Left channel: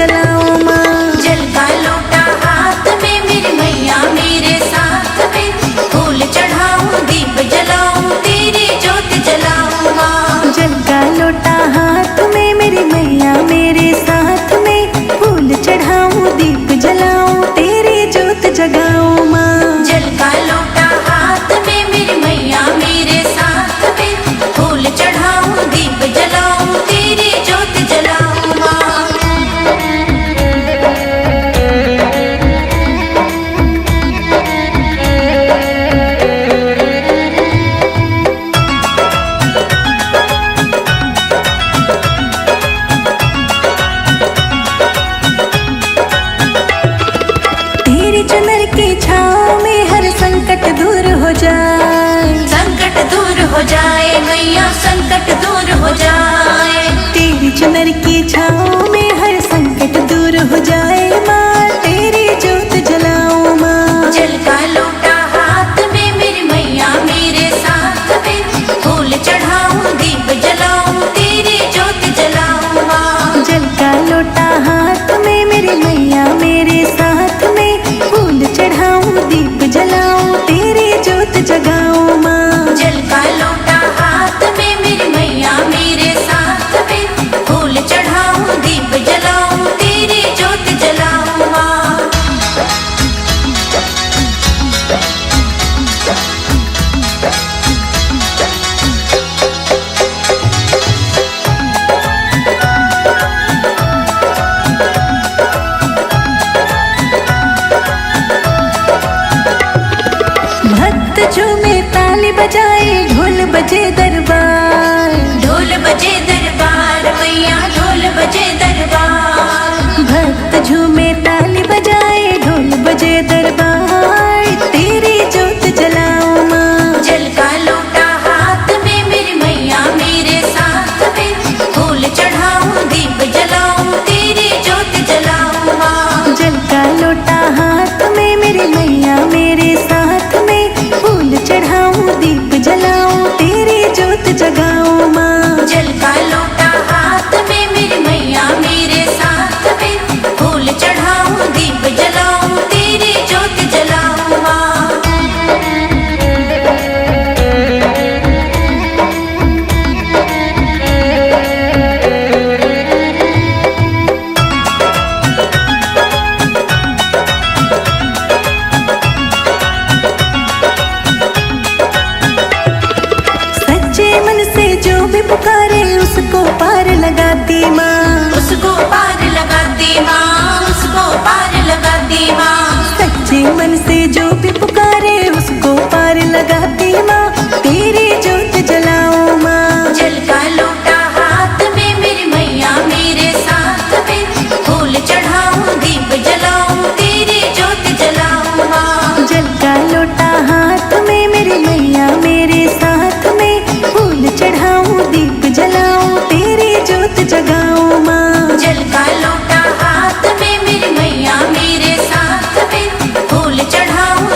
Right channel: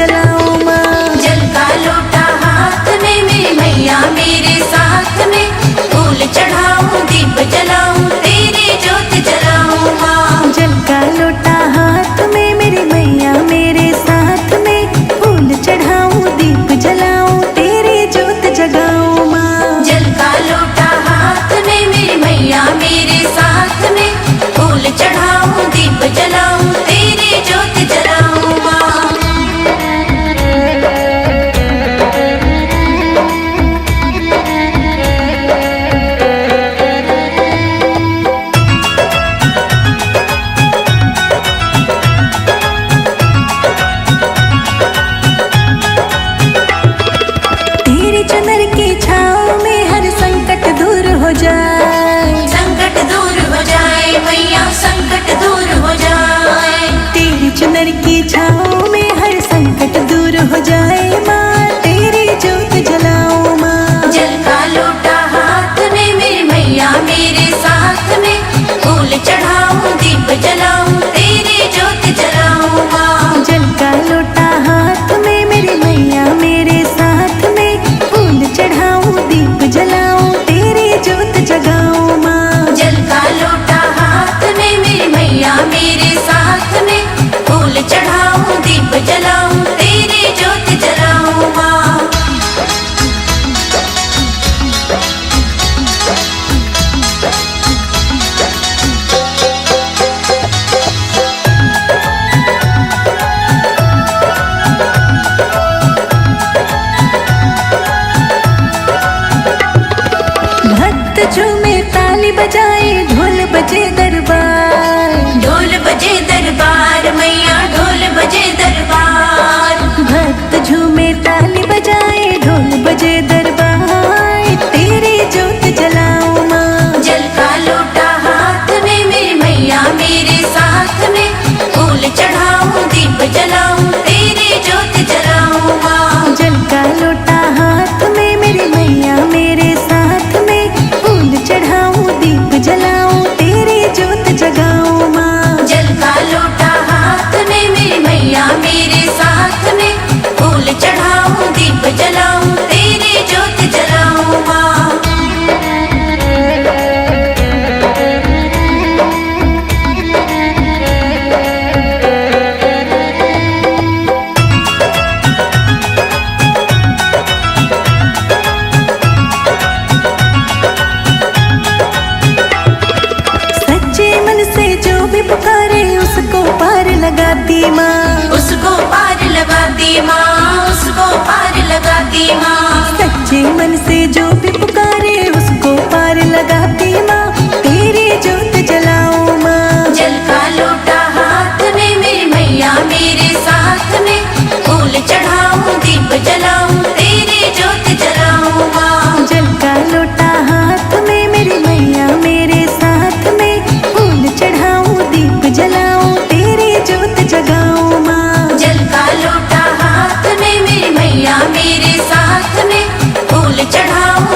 जलाऊं माँ। जल का लोटा हाथ में मेरी मैया मेरे साथ में, फूल चढ़ाऊं दीप जलाऊं तेरी ज्योत जलाऊं माँ। जल का लोटा हाथ में मेरी मैया मेरे साथ में, फूल चढ़ाऊं दीप जलाऊं तेरी ज्योत जगाऊं माँ। जल का लोटा हाथ में मेरी मैया मेरे साथ में, फूल चढ़ाऊं दीप जलाऊं तेरी ज्योत जलाऊं माँ। तेरी चुनर की छाँव में हर संकट दूर हो जाए, संकट दूर हो जाए मैया संकट दूर हो जाए। तेरी चुनर की छाँव में हर संकट दूर हो जाए माँ, तेरी ज्योत जलाऊं माँ। जल का लोटा हाथ में मेरी मैया मेरे साथ में, फूल चढ़ाऊं दीप जलाऊं तेरी ज्योत जलाऊं माँ। जल का लोटा हाथ में मेरी मैया मेरे साथ में, फूल चढ़ाऊं दीप जलाऊं तेरी ज्योत जगाऊं माँ। जल का लोटा हाथ में मेरी मैया मेरे साथ में, फूल चढ़ाऊं दीप जलाऊं तेरी ज्योत जलाऊं माँ। भक्त झूमे ताली बजाए ढोल बजे दरबार, ढोल बजे दरबार मैया ढोल बजे दरबार। भक्त झूमे ताली बजाए ढोल बजे दरबार, तेरी ज्योत जलाऊं माँ। जल का लोटा हाथ में मेरी मैया मेरे साथ में, फूल चढ़ाऊं दीप जलाऊं तेरी ज्योत जलाऊं माँ। जल का लोटा हाथ में मेरी मैया मेरे साथ में, फूल चढ़ाऊं दीप जलाऊं तेरी ज्योत जगाऊं माँ। जल का लोटा हाथ में मेरी मैया मेरे साथ में, फूल चढ़ाऊं दीप जलाऊं तेरी ज्योत जलाऊं माँ। सच्चे मन से जो भी पुकारे उसको पार लगाती माँ। उसको पार लगाती माँ, उसको पार लगाती माँ। सच्चे मन से जो भी पुकारे उसको पार लगाती माँ, तेरी ज्योत जलाऊं माँ। जल का लोटा हाथ में मेरी मैया मेरे साथ में, फूल चढ़ाऊं दीप जलाऊं तेरी ज्योत जलाऊं माँ। जल का लोटा हाथ में मेरी मैया मेरे साथ में, फूल चढ़ाऊं दीप जलाऊं तेरी ज्योत जगाऊं माँ। जल का लोटा हाथ में मेरी मैया मेरे साथ में, फूल चढ़ाऊं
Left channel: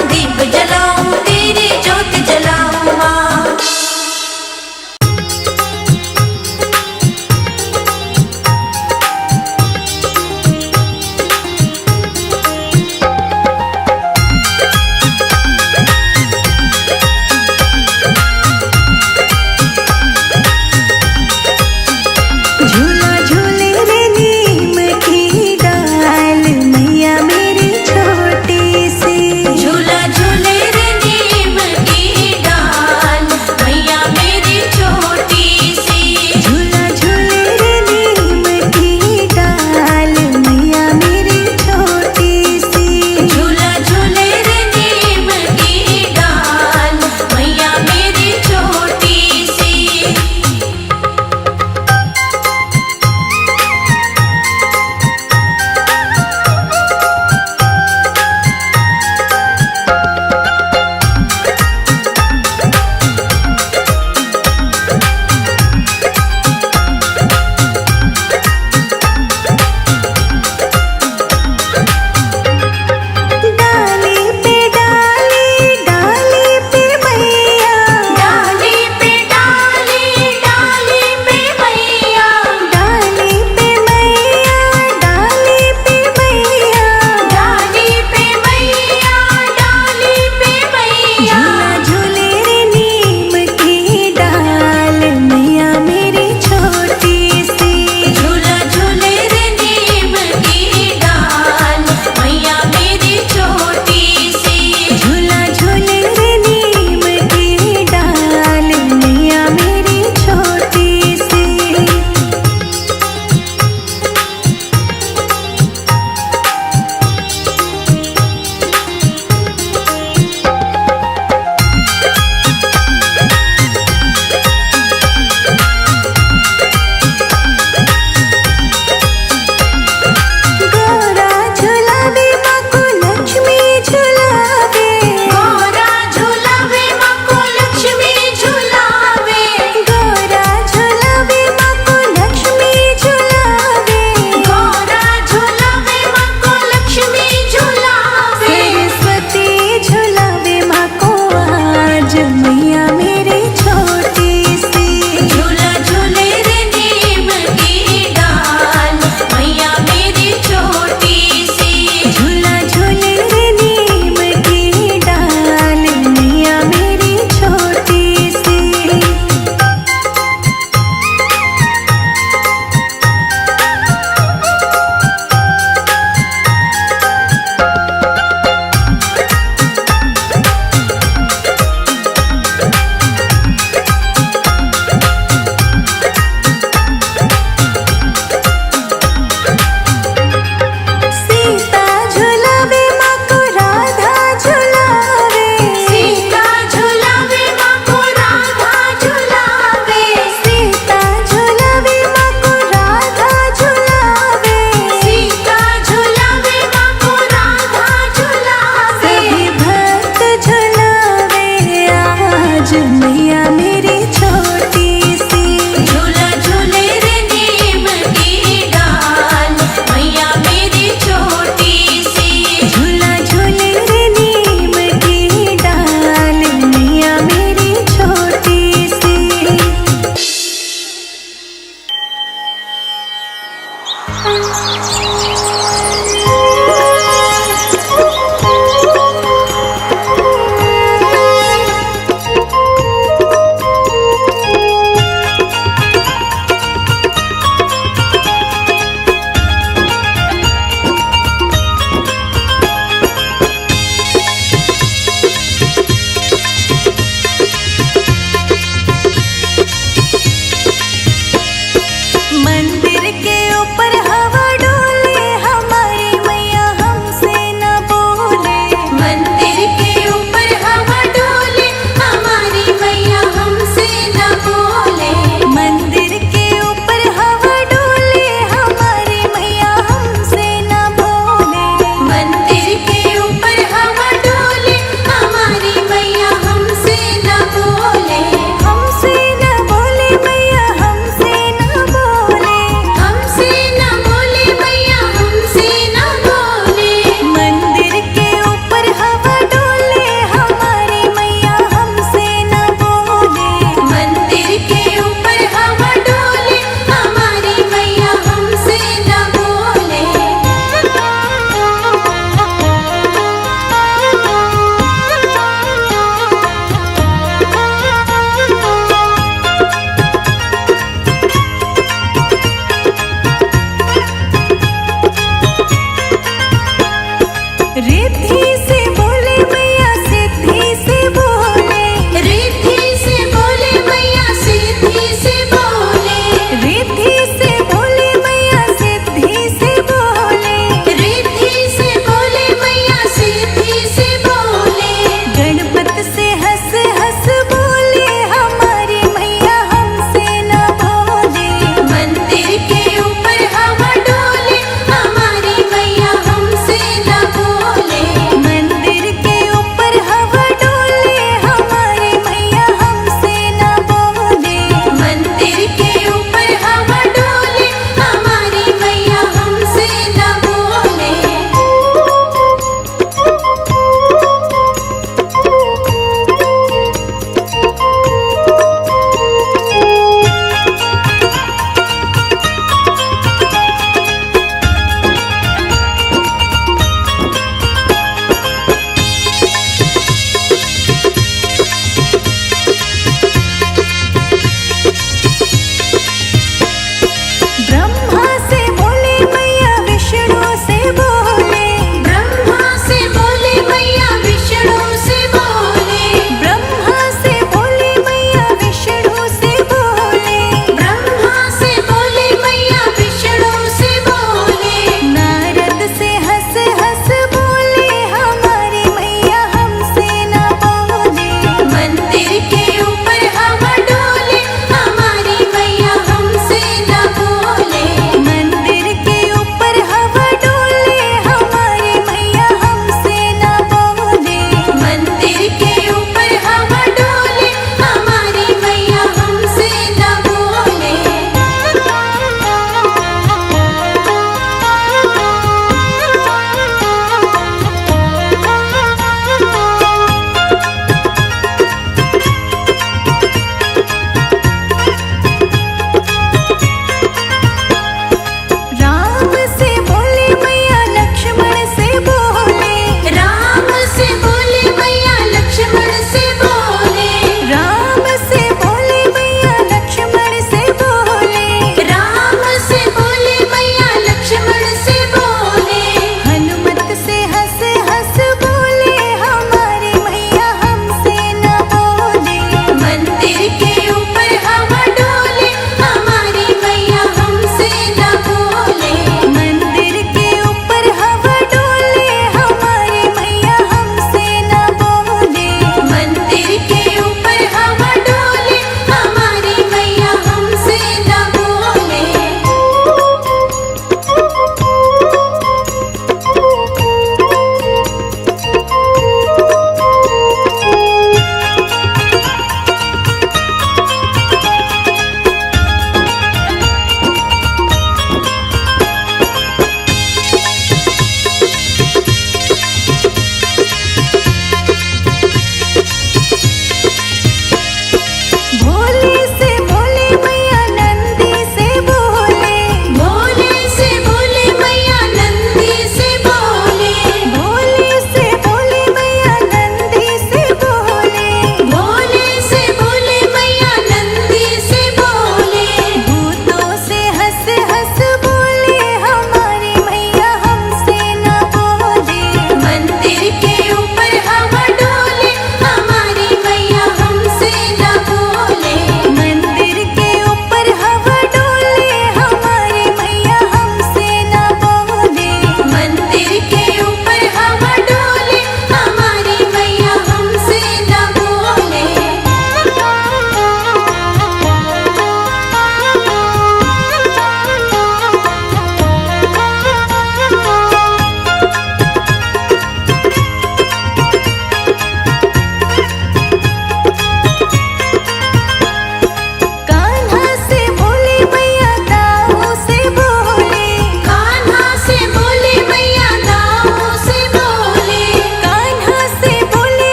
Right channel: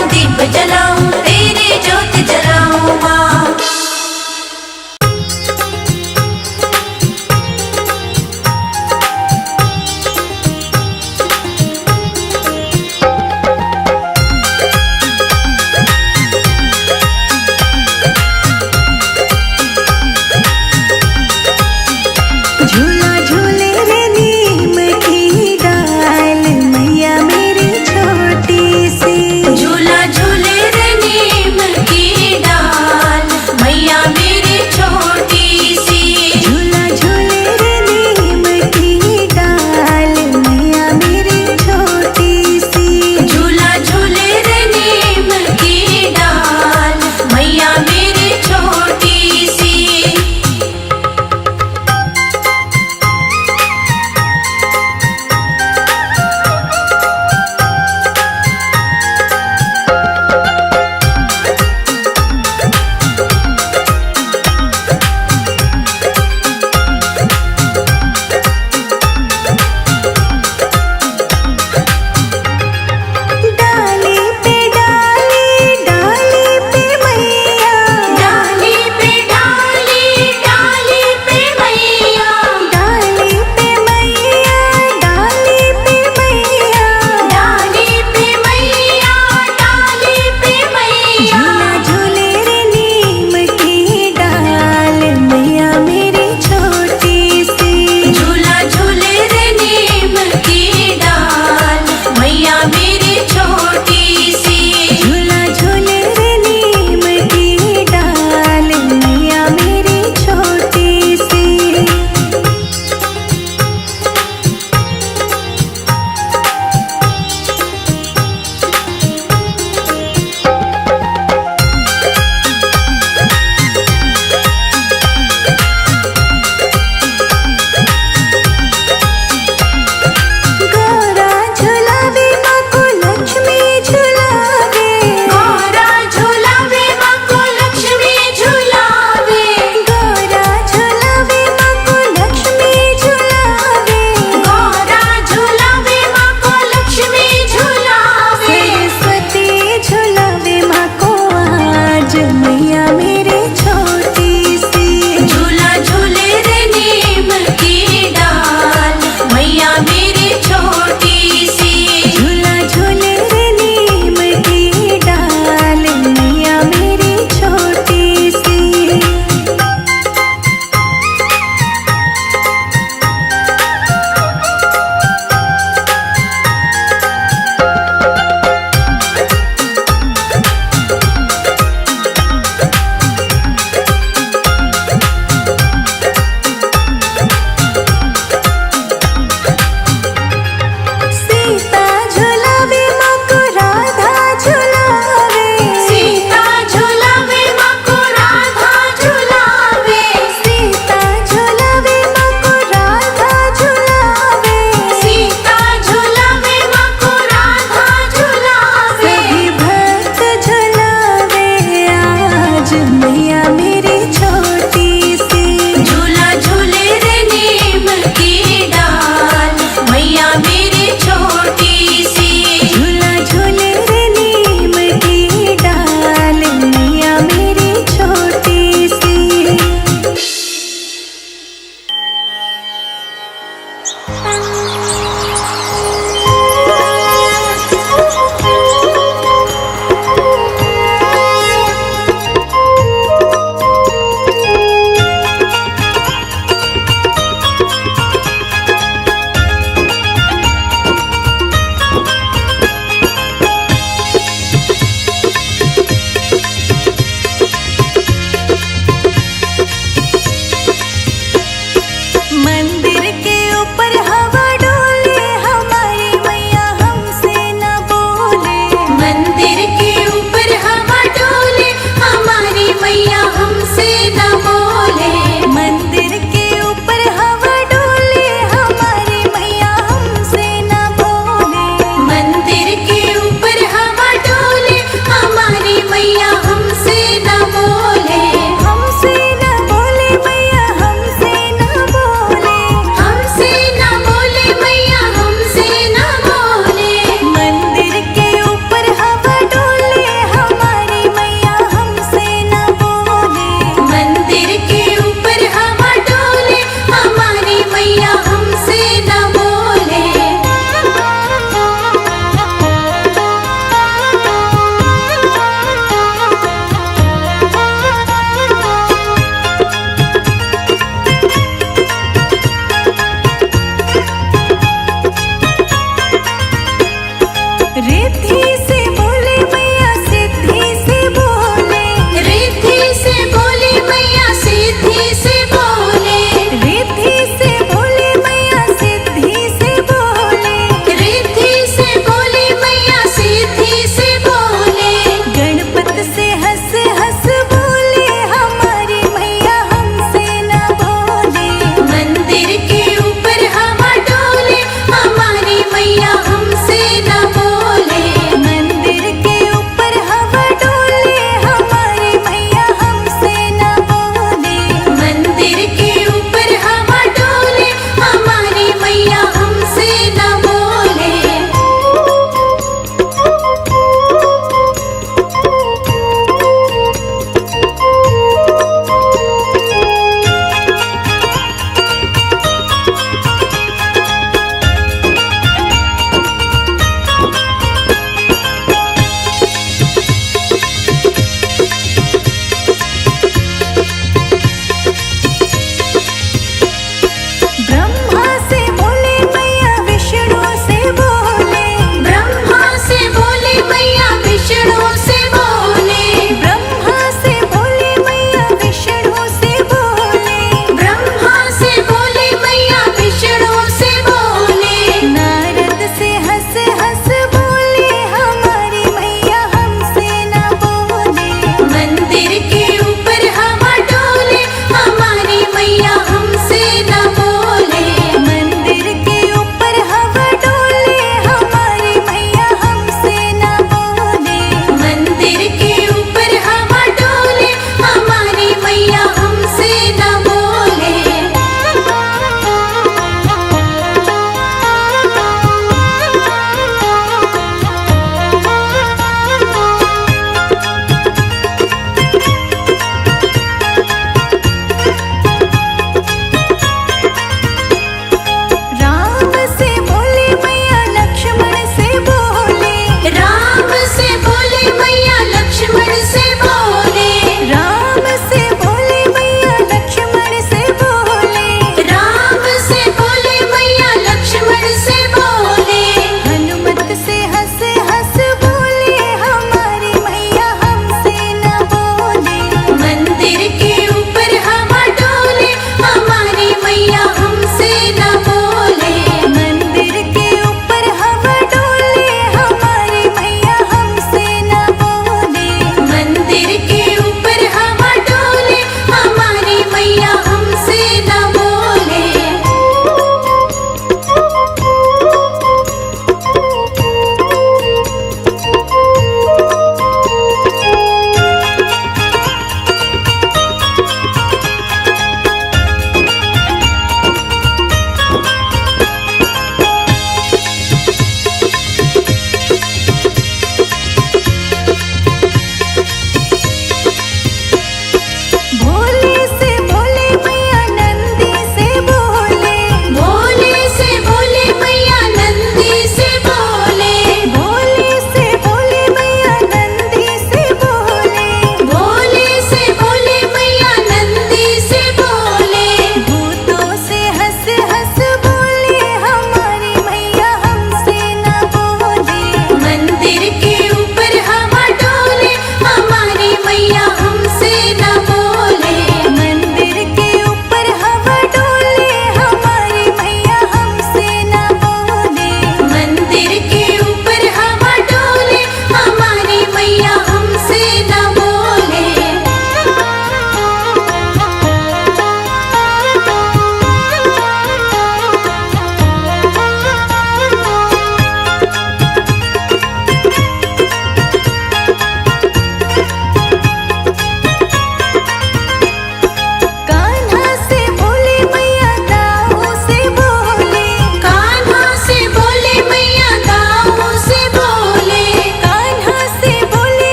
रिद्धि से बोले मैया सिद्धि से बोले, रिद्धि से बोले मैया सिद्धि से बोले, रिद्धि से बोले मैया सिद्धि से बोले, रिद्धि से बोले मैया सिद्धि से बोले। गणपत से हंस हंस बोले हमारी मैया हमसे न बोले, मंदिर के ऊपर हवा डोले हमारी मैया हमसे न बोले।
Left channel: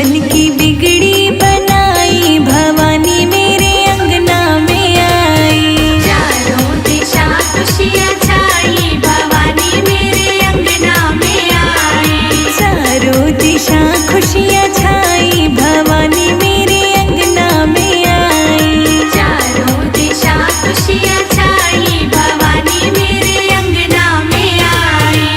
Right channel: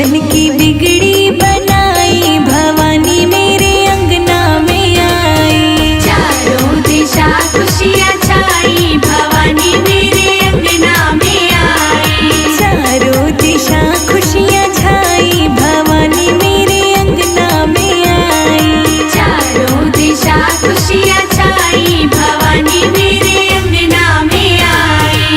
बन की बिगड़ी बनाई, भवानी मेरे अंगना में आई। चारों दिशा खुशियाँ छाई, भवानी मेरे अंगना में आई। चारों दिशा खुशियाँ छाई, भवानी मेरे अंगना में आई। चारों दिशा खुशियाँ छाई, भवानी मेरे अंगना में आई।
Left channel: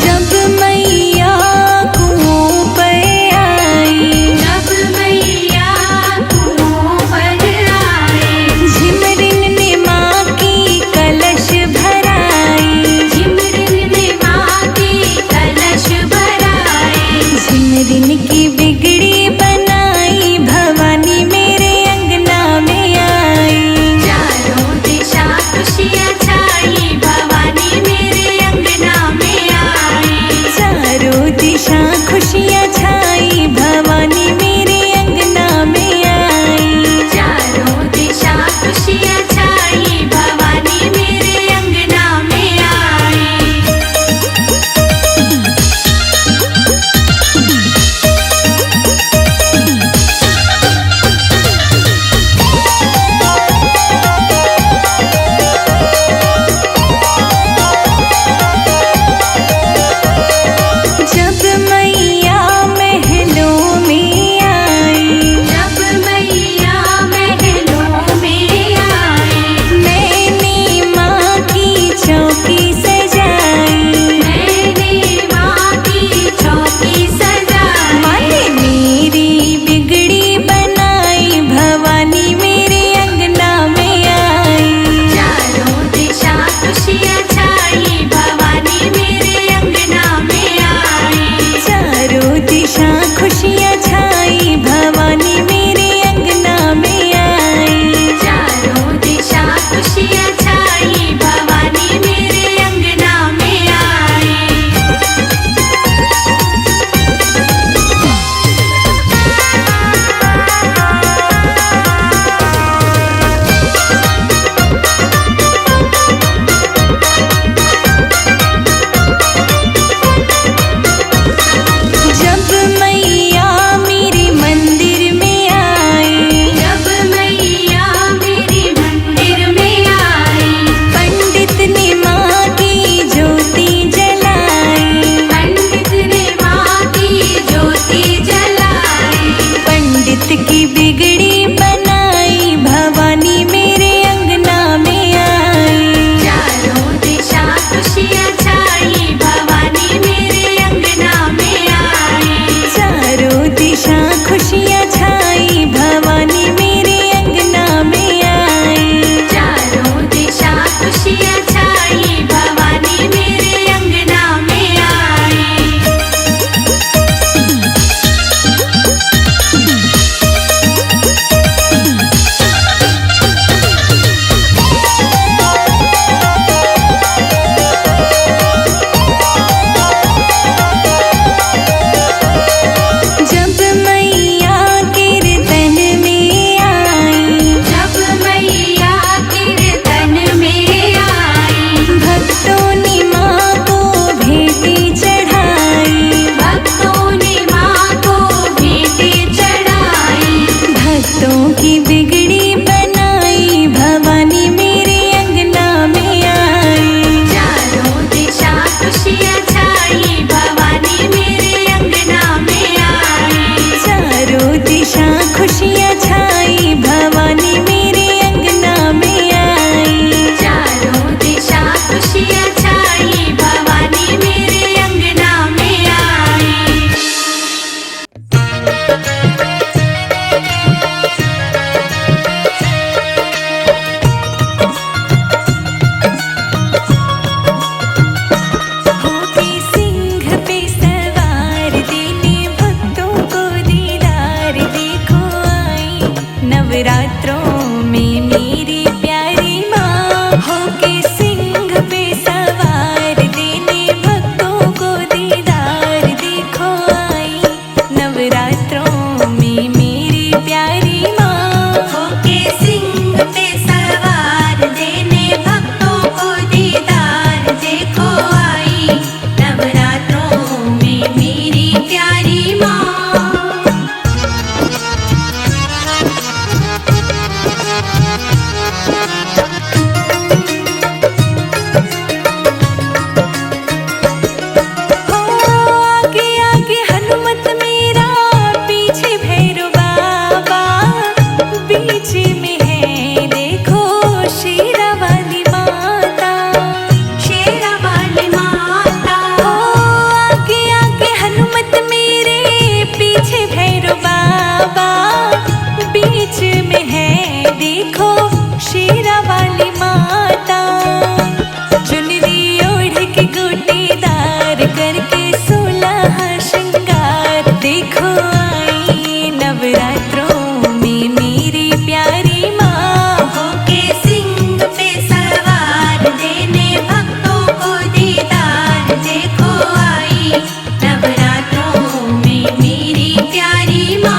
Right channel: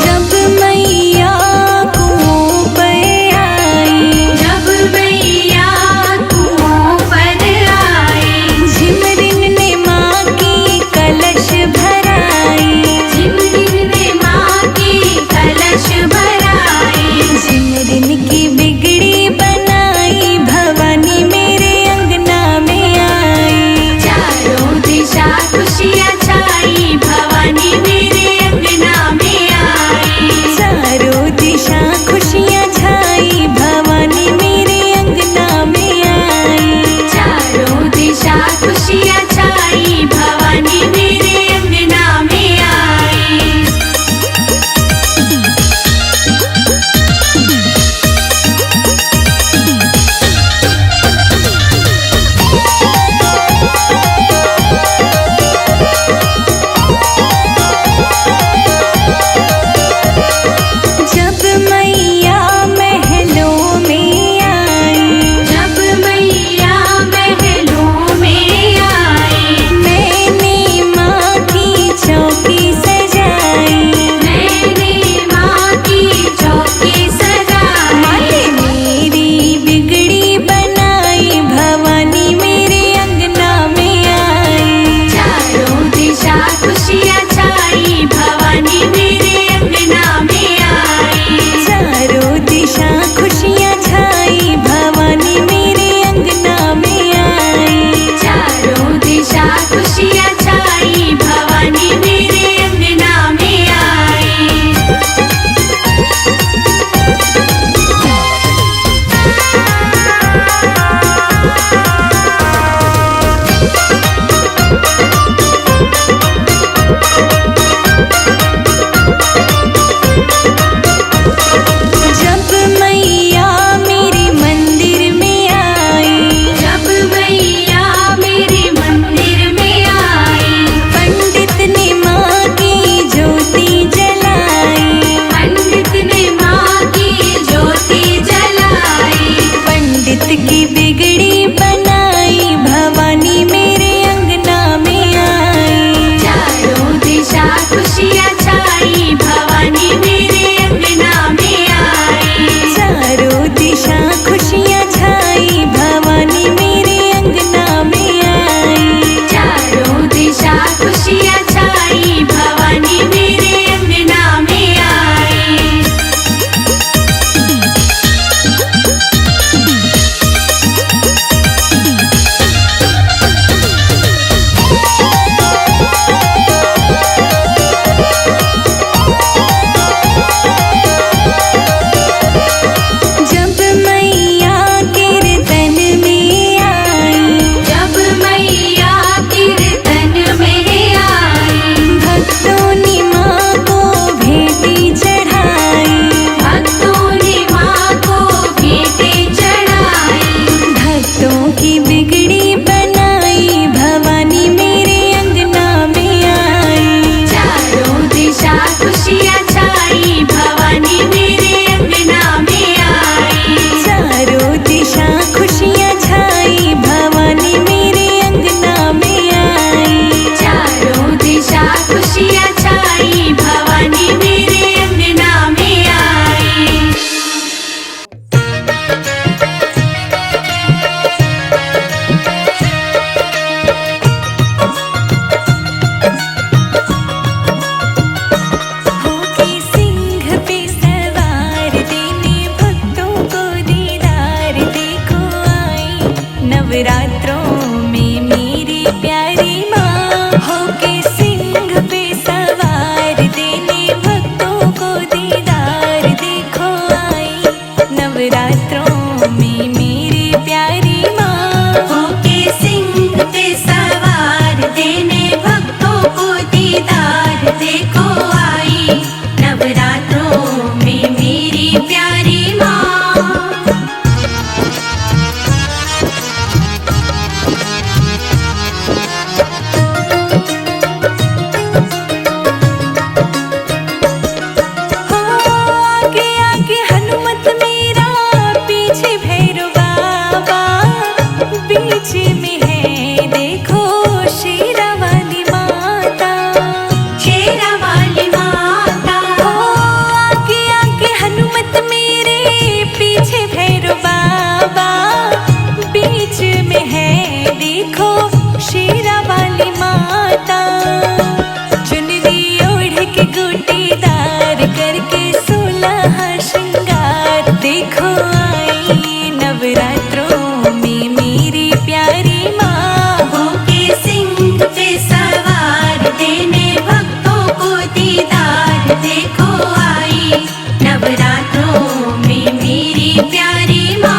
जब मैया कुओं पर आई, जब मैया कुओं पर आई। झिमरिन ने माँ की कलश भराई। झिमरिन ने माँ की कलश भराई। झिमरिन की बिगड़ी बनाई, भवानी मेरे अंगना में आई। चारों दिशा खुशियाँ छाई, भवानी मेरे अंगना में आई। चारों दिशा खुशियाँ छाई, भवानी मेरे अंगना में आई। चारों दिशा खुशियाँ छाई, भवानी मेरे अंगना में आई। जब मैया महलों में आई, जब मैया महलों में आई। मैंने माँ की चौकी सजाई। मैंने माँ की चौकी सजाई। माँ ने मेरी बिगड़ी बनाई, भवानी मेरे अंगना में आई। चारों दिशा खुशियाँ छाई, भवानी मेरे अंगना में आई। चारों दिशा खुशियाँ छाई, भवानी मेरे अंगना में आई। चारों दिशा खुशियाँ छाई, भवानी मेरे अंगना में आई। जब मैया मेरे मंदिर में बीच में है देखो शेरा वाली माता। शेरा वाली माता। ओ आगे आगे हनुमत मेरे, पीछे भैरव बाबा, बीच में है देखो शेरा वाली माता। चुनरी ओढ़ के गोटेदार करके 16 श्रृंगार, देखो आई नवरात्रों में मेरी प्यारी माँ। होके सिंह पे सवार, देने भक्तों को दीदार, देखो आई नवरात्रों में मेरी प्यारी माँ।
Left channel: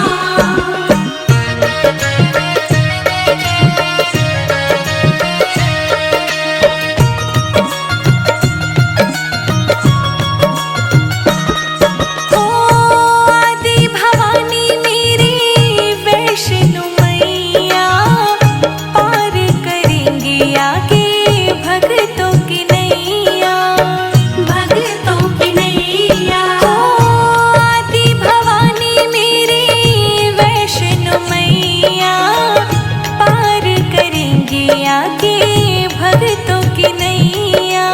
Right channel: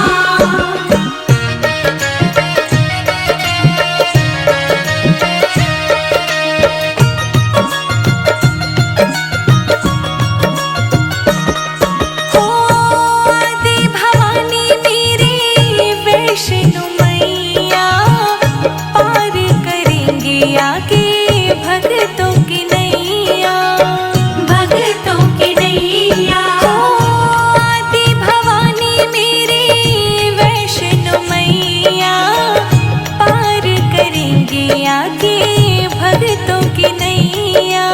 हो आदि भवानी मेरी वैष्णो मैया, पार करेंगे आगे भक्तों की नैया। भक्तों की नैया। हो आदि भवानी मेरी वैष्णो मैया, पार करेंगे आगे भक्तों की नैया।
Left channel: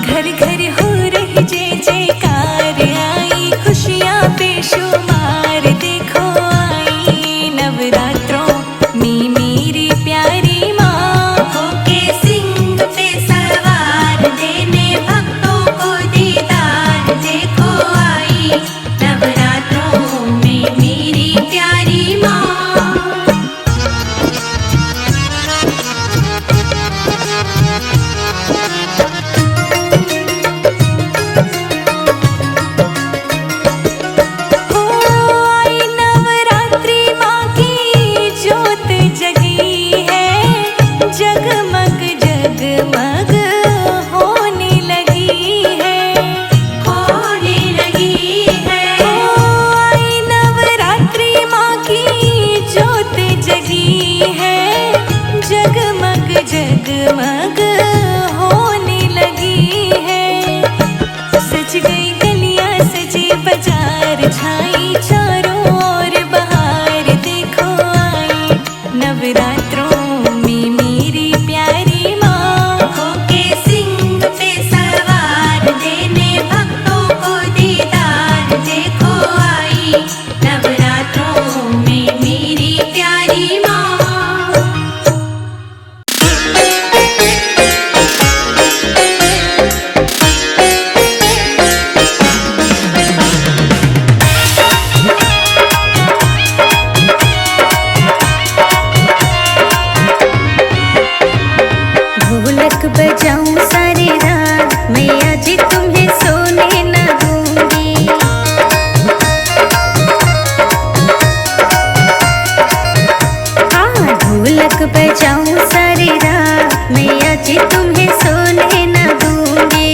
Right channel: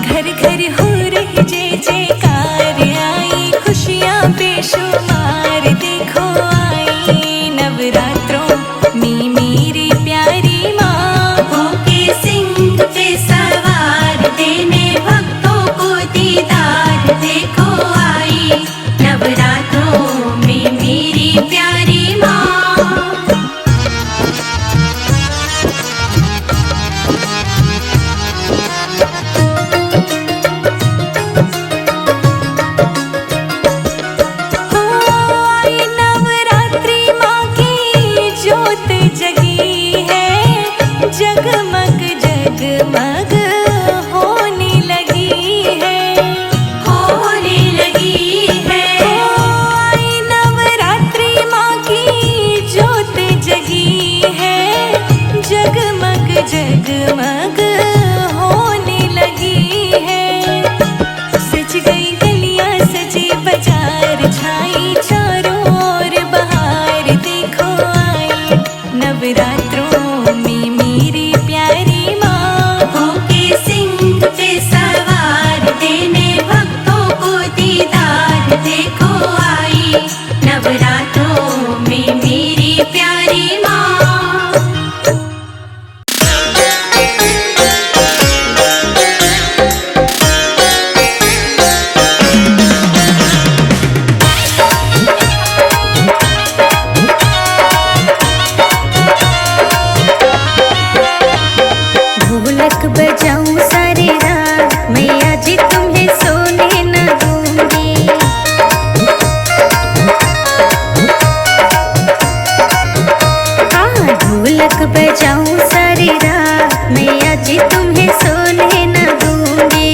घर घर हो रही जय जयकार, आई खुशियाँ बेशुमार, देखो आई नवरात्रों में मेरी प्यारी माँ। होके सिंह पे सवार, देने भक्तों को दीदार, देखो आई नवरात्रों में मेरी प्यारी माँ। हो आई नवरात्रि माँ की ज्योत जगी है, जगमग जगमग होने लगी है। होने लगी है। हो आई नवरात्रि माँ की ज्योत जगी है, जगमग जगमग होने लगी है। सज गई गलियां सजे बाजार, छाई चारों ओर बहार, देखो आई नवरात्रों में मेरी प्यारी माँ। होके सिंह पे सवार, देने भक्तों को दीदार, देखो आई नवरात्रों में मेरी प्यारी माँ। ढोलक बजाऊं सारी रात, मैया जी तुम्हें सोने न दूंगी। हाँ ढोलक बजाऊं सारी रात, मैया जी तुम्हें सोने न दूंगी।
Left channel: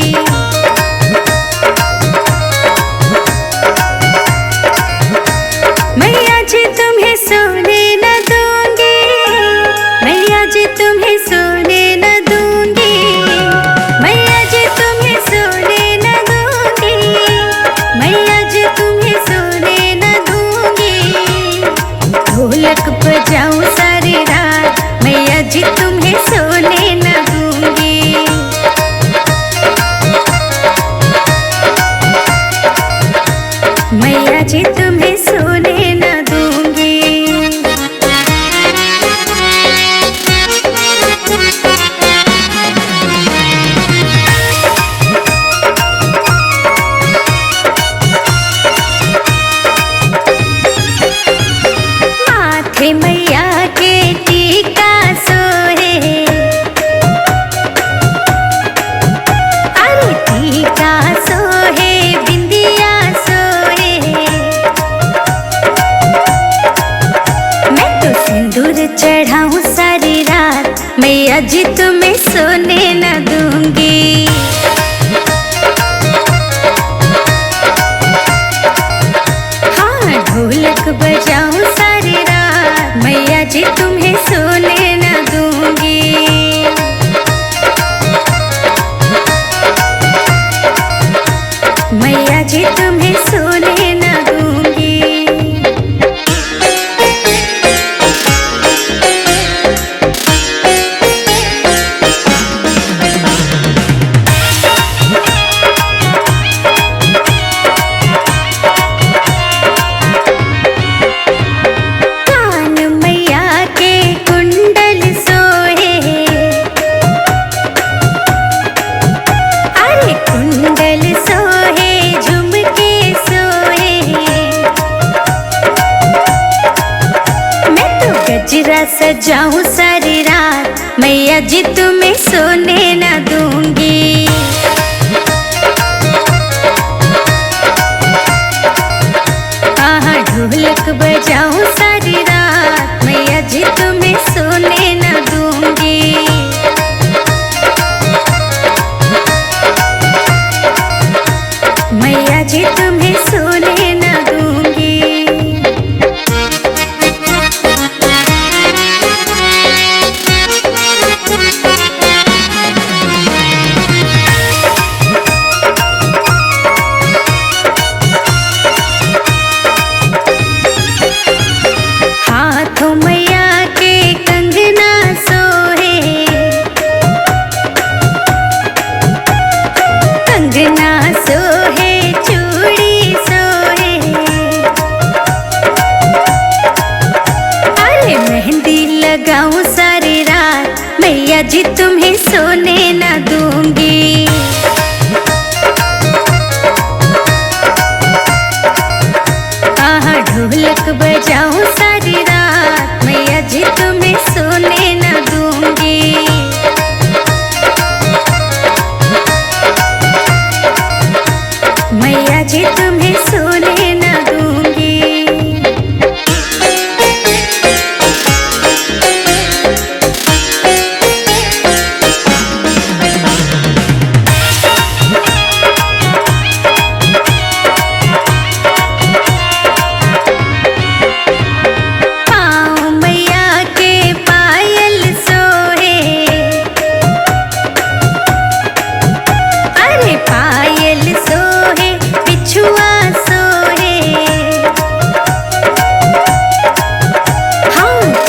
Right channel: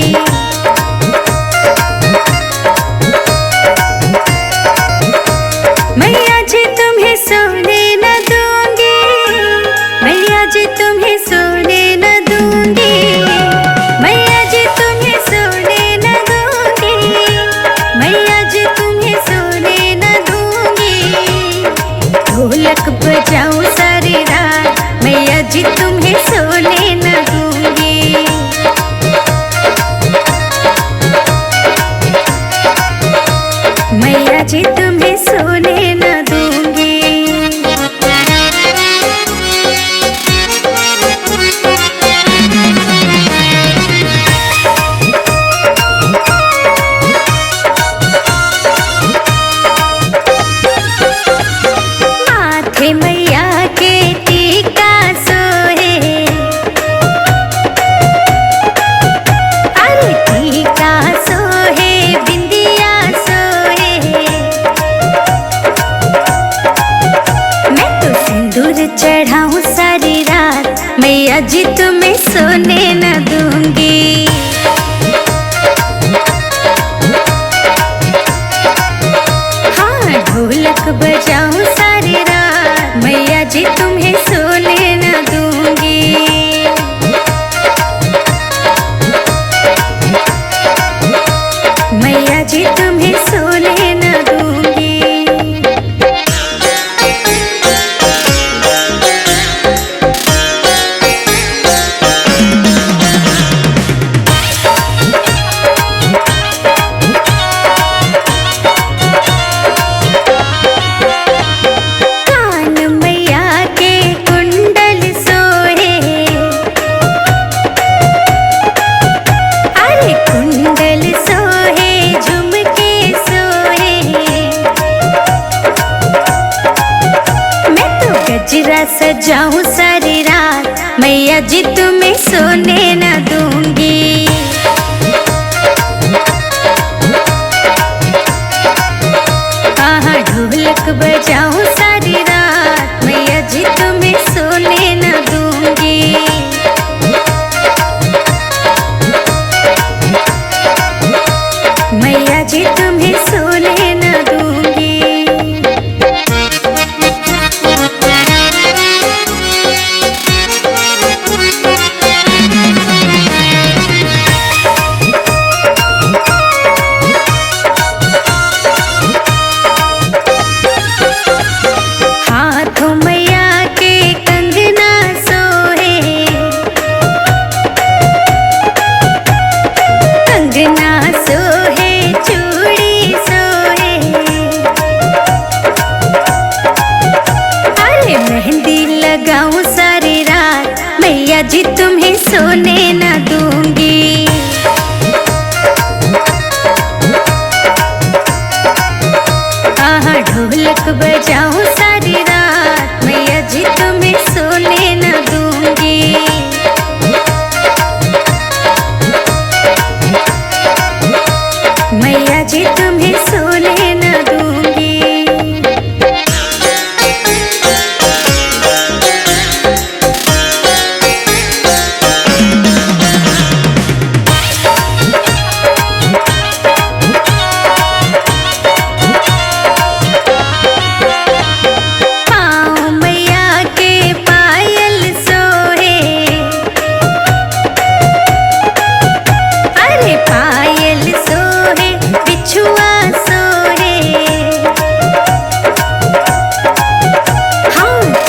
मैया जी तुम्हें सोने न दूंगी, मैया जी तुम्हें सोने न दूंगी, मैया जी तुम्हें सोने न दूंगी, मैया जी तुम्हें सोने न दूंगी। ढोलक बजाऊं सारी रात, मैया जी तुम्हें सोने न दूंगी। मैया जी तुम्हें सोने न दूंगी। माथे मैया के टीका सोहे, अरे टीका सोहे बिंदिया सोहे। मैं तो सिंदूर चढ़ाऊं सारी रात, मैया जी तुम्हें सोने न दूंगी। हाँ ढोलक बजाऊं सारी रात, मैया जी तुम्हें सोने न दूंगी। मैया जी तुम्हें सोने न दूंगी। सजा सजाऊं सारी रात, मैया जी तुम्हें सोने न दूंगी। ढोलक बजाऊं सारी रात, मैया जी तुम्हें सोने न दूंगी। मैया जी तुम्हें सोने न दूंगी। हाथों मैया के कंगना सोहे, कंगना सोहे चूड़ी सोहे। अरे मेहंदी लगाऊं सारी रात, मैया जी तुम्हें सोने न दूंगी। ढोलक बजाऊं सारी रात, मैया जी तुम्हें सोने न दूंगी। मैया जी तुम्हें सोने न दूंगी।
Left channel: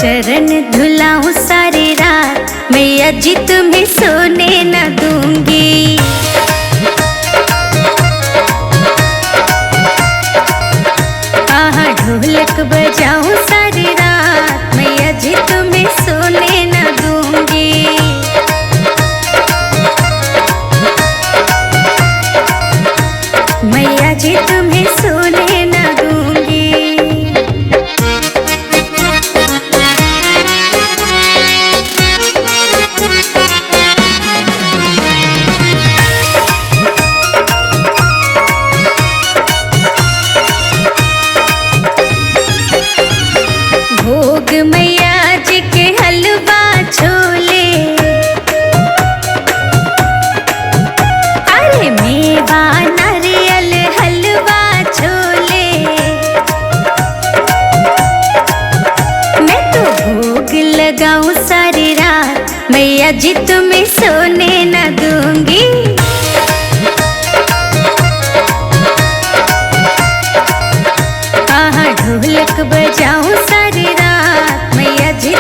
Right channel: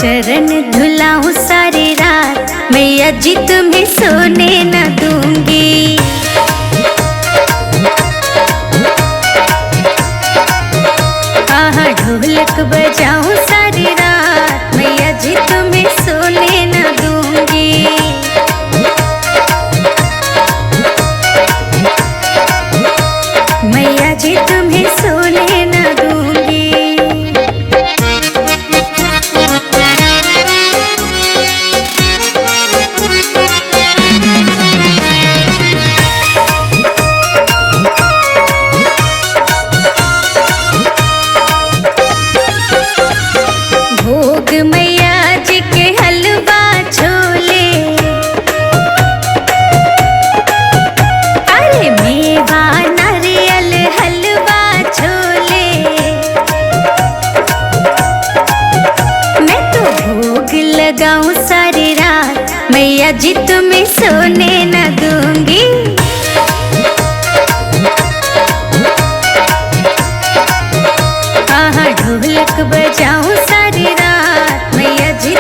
चरण धुलाऊं सारी रात, मैया जी तुम्हें सोने न दूंगी। ढोलक बजाऊं सारी रात, मैया जी तुम्हें सोने न दूंगी। मैया जी तुम्हें सोने न दूंगी। भोग मैया जी के हलवा छोले, अरे मेवा नारियल हलवा छोले। मैं तो भोग लगाऊं सारी रात, मैया जी तुम्हें सोने न दूंगी। ढोलक बजाऊं सारी रात, मैया जी